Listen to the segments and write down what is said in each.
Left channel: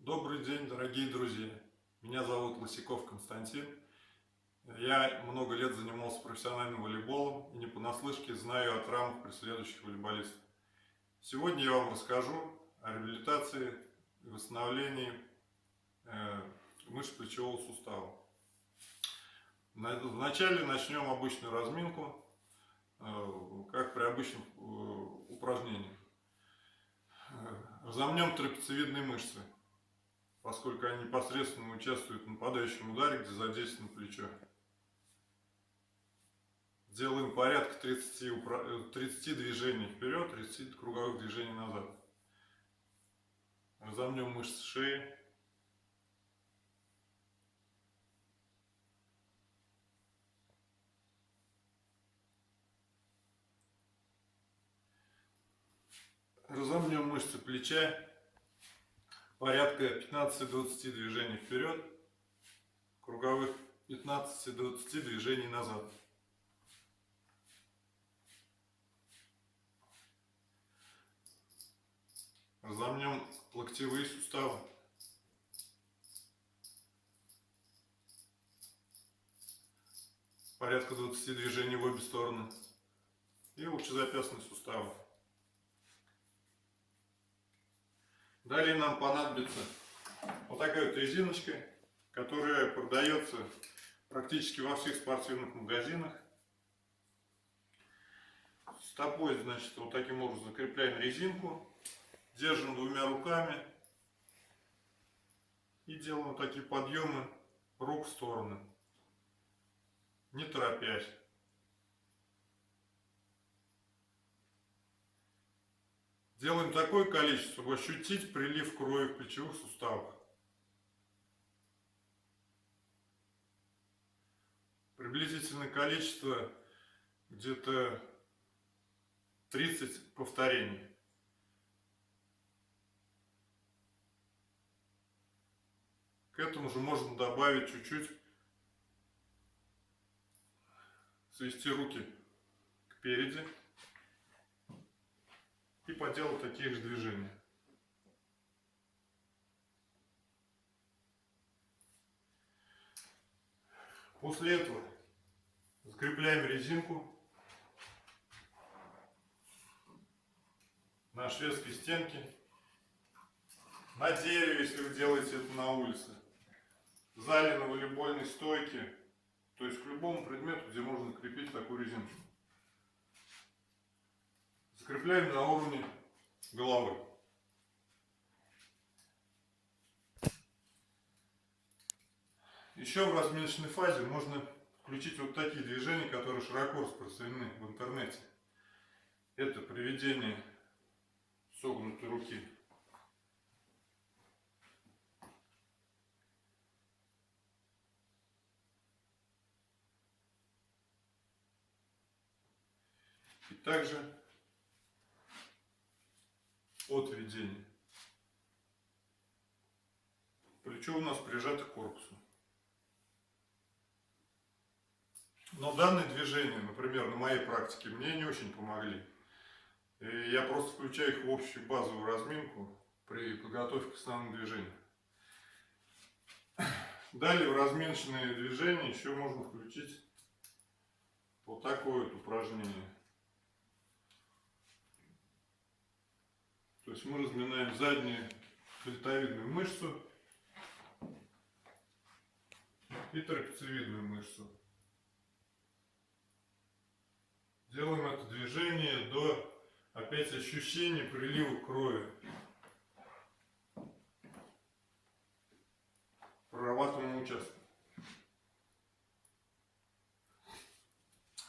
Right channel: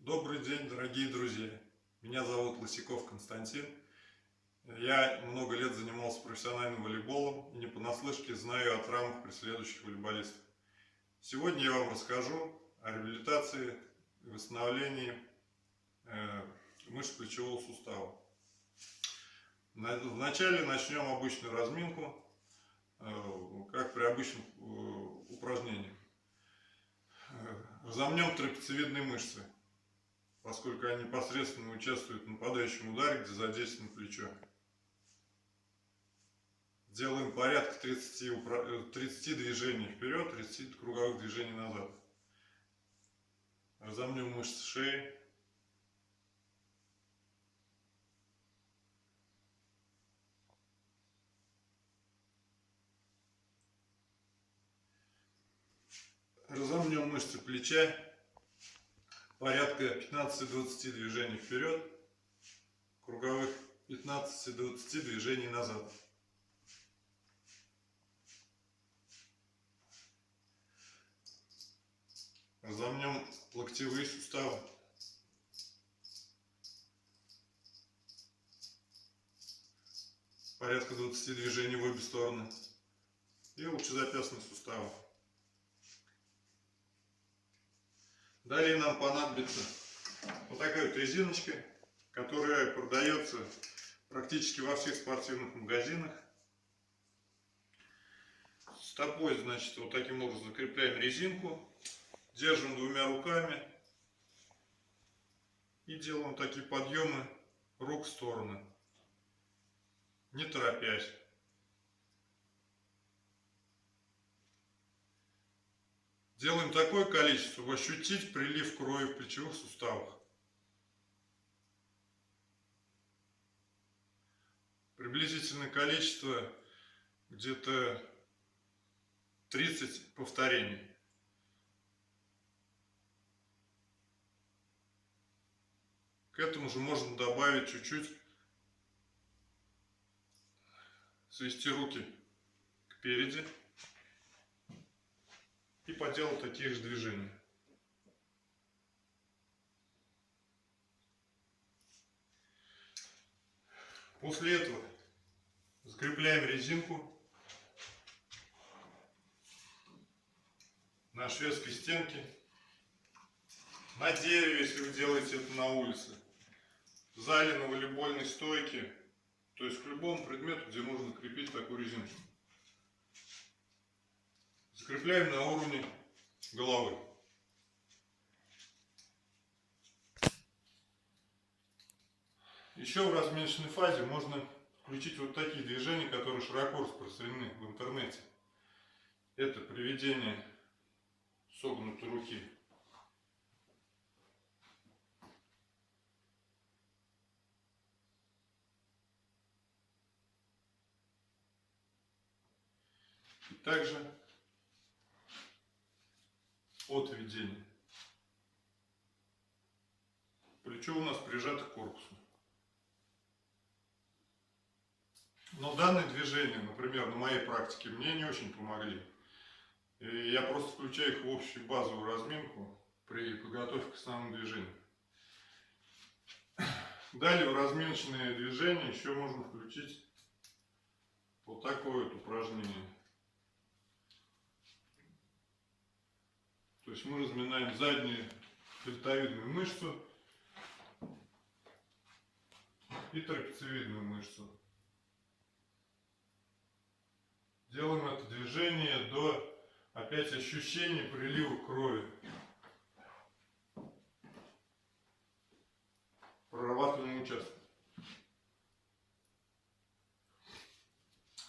Добрый день, дорогие друзья! Меня зовут Лысяков Константин. Я много лет занимался профессиональным волейболом и не понаслышке знаю о травмах преследующих волейболистов. Сегодня я вам расскажу о реабилитации и восстановлении мышц плечевого сустава. Вначале начнем обычную разминку, как при обычном упражнении. Разомнем трапециевидные мышцы, поскольку они непосредственно участвуют в нападающем ударе, где задействовано плечо. Делаем порядка 30 движений вперед, 30 круговых движений назад. Разомнем мышцы шеи. Разомнем мышцы плеча. Порядка 15-20 движений вперед, круговых 15-20 движений назад. Разомнем локтевые суставы. Порядка 20 движений в обе стороны. И лучезапястные суставы. Далее нам понадобится вот такая вот резиночка, которая продается практически во всех спортивных магазинах. Стопой, значит, вот таким образом закрепляем резинку, держим двумя руками и делаем такие подъемы рук в стороны, не торопясь. Делаем такое количество, чтобы ощутить прилив крови в плечевых суставах. Приблизительное количество где-то 30 повторений. К этому же можно добавить чуть-чуть, свести руки кпереди и поделать такие же движения. После этого закрепляем резинку на шведской стенке, на дереве, если вы делаете это на улице, в зале, на волейбольной стойке, то есть к любому предмету, где можно крепить такую резинку. Закрепляем на уровне головы. Еще в разминочной фазе можно включить вот такие движения, которые широко распространены в интернете. Это приведение согнутой руки. И также отведение. Плечо у нас прижато к корпусу. Но данные движения, например, на моей практике, мне не очень помогли. И я просто включаю их в общую базовую разминку при подготовке к основному движению. Далее в разминочные движения еще можно включить вот такое вот упражнение. То есть мы разминаем заднюю дельтовидную мышцу и трапециевидную мышцу. Делаем это движение до опять ощущения прилива крови. Прорабатываем участок.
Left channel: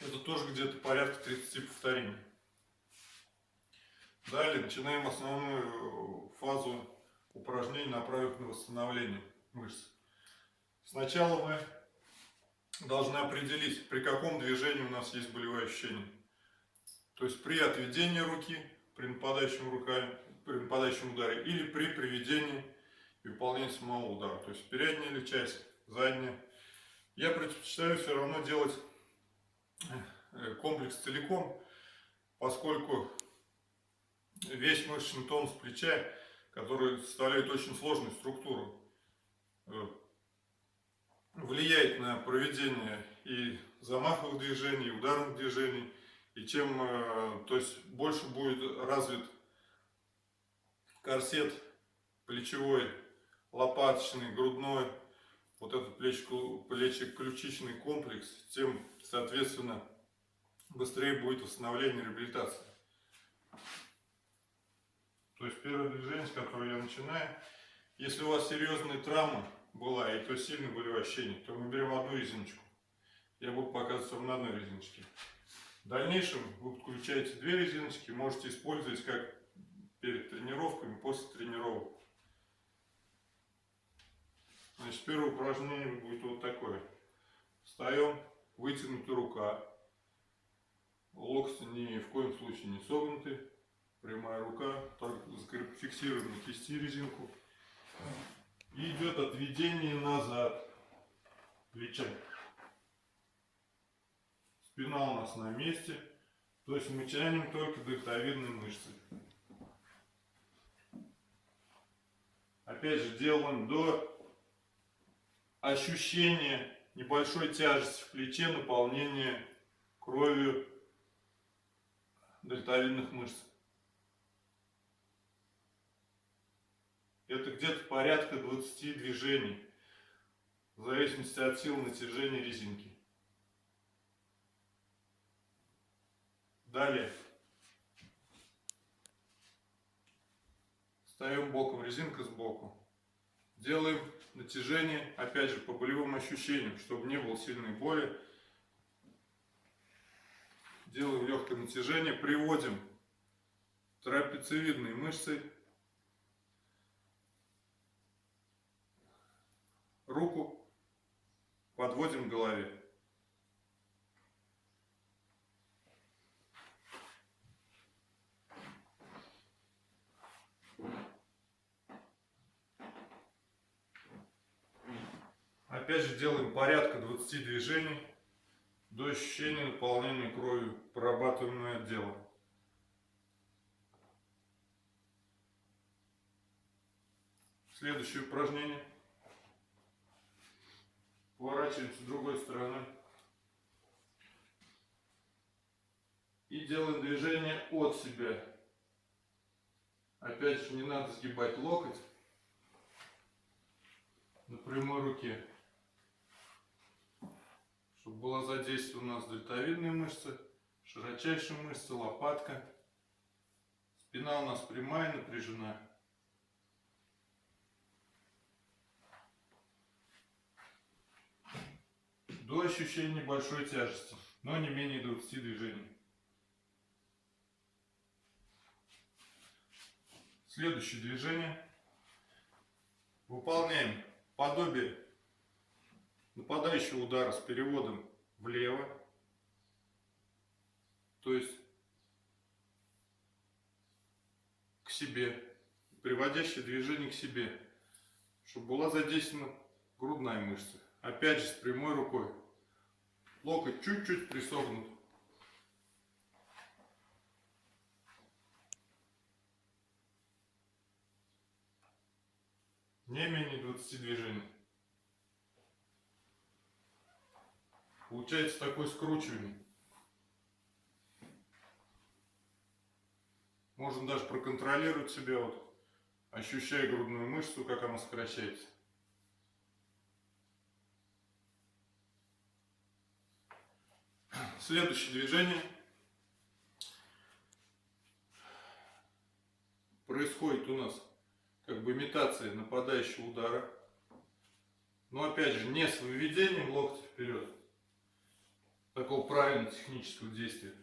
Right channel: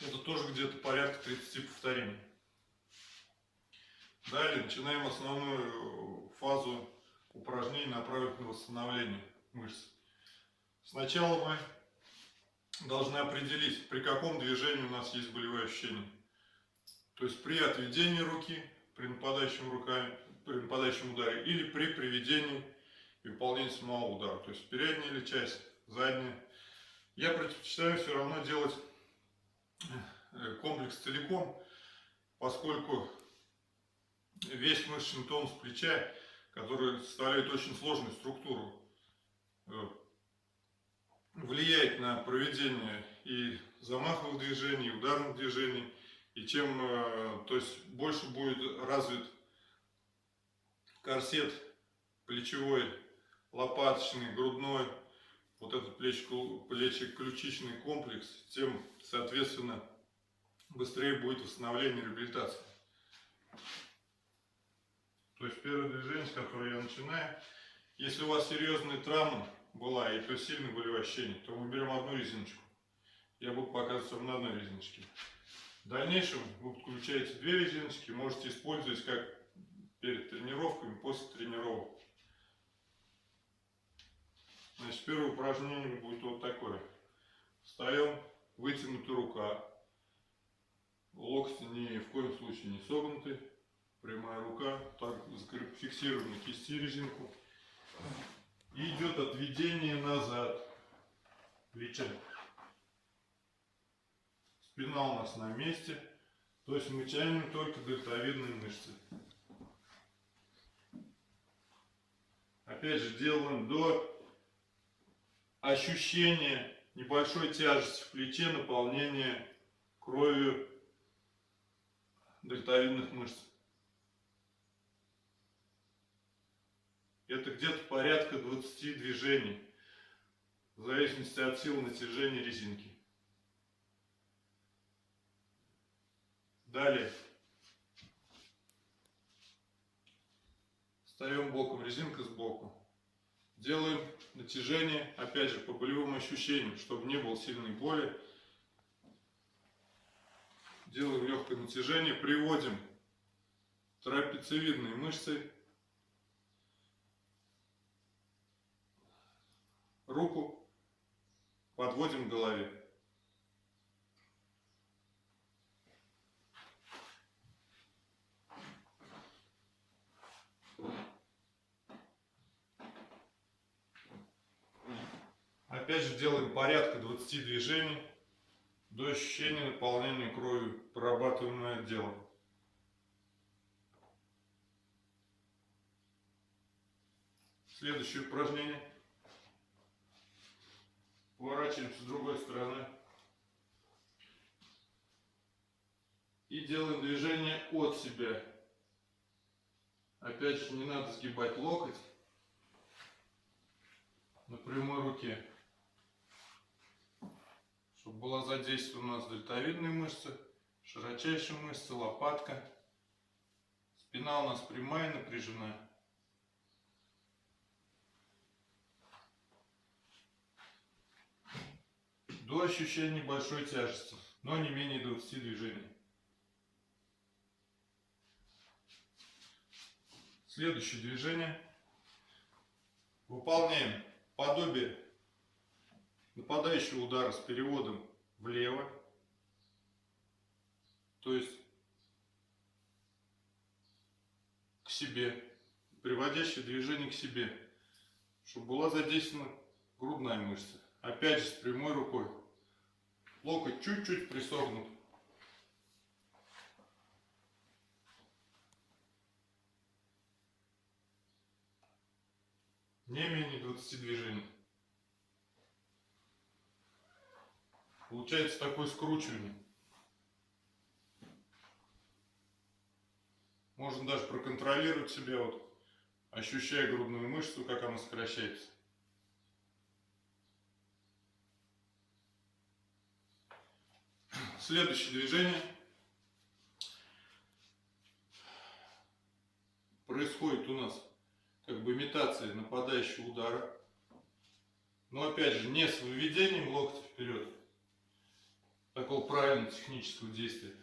Это тоже где-то порядка 30 повторений. Далее начинаем основную фазу упражнений, направленных на восстановление мышц. Сначала мы должны определить, при каком движении у нас есть болевые ощущения. То есть при отведении руки, при нападающем ударе, или при приведении и выполнении самого удара. То есть передняя или часть, задняя. Я предпочитаю все равно делать комплекс целиком, поскольку весь мышечный тонус плеча, который составляет очень сложную структуру, влияет на проведение и замаховых движений, и ударных движений. И чем, то есть, больше будет развит корсет плечевой, лопаточный, грудной, вот этот плечеключичный комплекс, тем, соответственно, быстрее будет восстановление и реабилитация. То есть первое движение, с которого я начинаю, если у вас серьезная травма была, и то сильные болевые ощущения, то мы берем одну резиночку. Я буду показывать вам на одной резиночке. В дальнейшем вы подключаете две резиночки, можете использовать как перед тренировками, после тренировок. Значит, первое упражнение будет вот такое. Встаем, вытянута рука, локти ни в коем случае не согнуты, прямая рука, так фиксируем на кисти резинку. И идет отведение назад плеча. Спина у нас на месте, то есть мы тянем только дельтовидные мышцы. Опять же делаем до ощущения небольшой тяжести в плече, наполнения кровью дельтовидных мышц. Это где-то порядка 20 движений, в зависимости от силы натяжения резинки. Далее. Встаем боком, резинка сбоку. Делаем натяжение, опять же, по болевым ощущениям, чтобы не было сильной боли. Делаем легкое натяжение, приводим трапециевидные мышцы. Руку подводим к голове. Опять же делаем порядка 20 движений до ощущения наполнения кровью прорабатываемого отдела. Следующее упражнение. Поворачиваемся с другой стороны. И делаем движение от себя. Опять же, не надо сгибать локоть на прямой руке, чтобы была задействована у нас дельтовидные мышцы, широчайшие мышцы, лопатка. Спина у нас прямая, напряжена. До ощущения небольшой тяжести, но не менее 20 движений. Следующее движение. Выполняем подобие нападающего удара с переводом влево. То есть к себе. Приводящее движение к себе. Чтобы была задействована грудная мышца. Опять же с прямой рукой. Локоть чуть-чуть присогнут. Не менее 20 движений. Получается такой скручивание. Можно даже проконтролировать себя, вот, ощущая грудную мышцу, как она сокращается. Следующее движение. Происходит у нас как бы имитация нападающего удара. Но опять же не с выведением локтя вперед, такого правильного технического действия,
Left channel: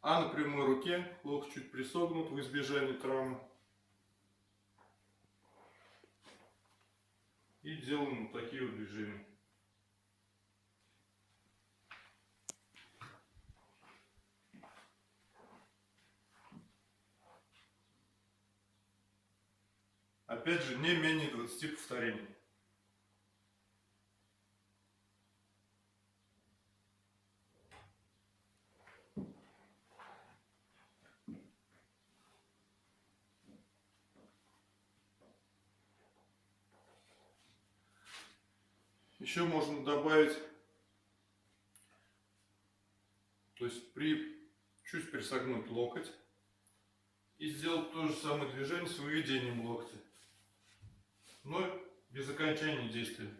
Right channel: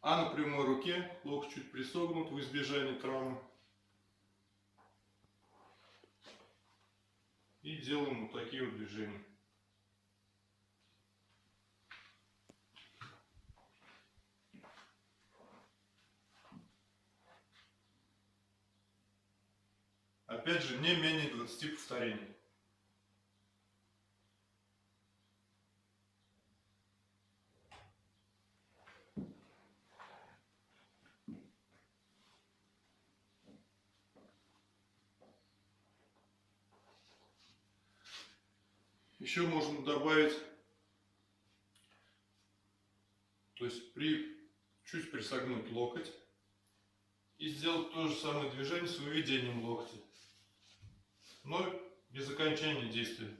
а на прямой руке локоть чуть присогнут в избежание травмы. И делаем вот такие вот движения. Опять же, не менее 20 повторений. Еще можно добавить, то есть чуть присогнуть локоть и сделать то же самое движение с выведением локтя, но без окончания действия.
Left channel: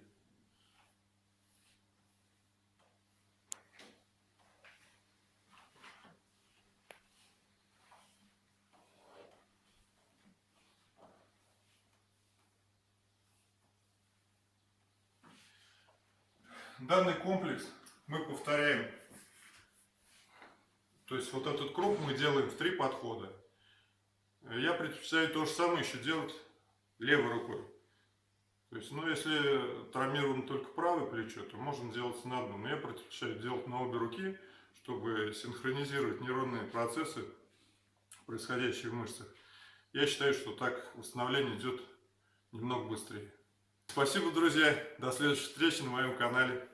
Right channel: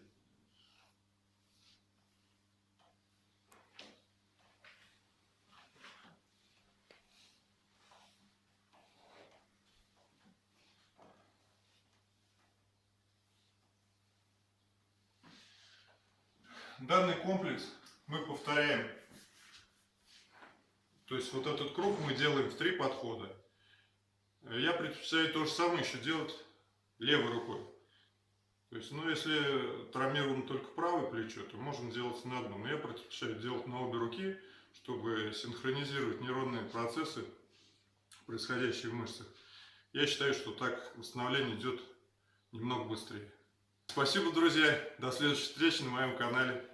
Данный комплекс мы повторяем. То есть вот этот круг мы делаем в 3 подхода. Я предпочитаю то же самое еще делать левой рукой. То есть, ну, если травмировано только правое плечо, то можно делать на одном. Но я предпочитаю делать на обе руки, чтобы синхронизировать нейронные процессы, происходящие в мышцах. Я считаю, что так восстановление идет немного быстрее. Спасибо, друзья. До следующей встречи на моем канале.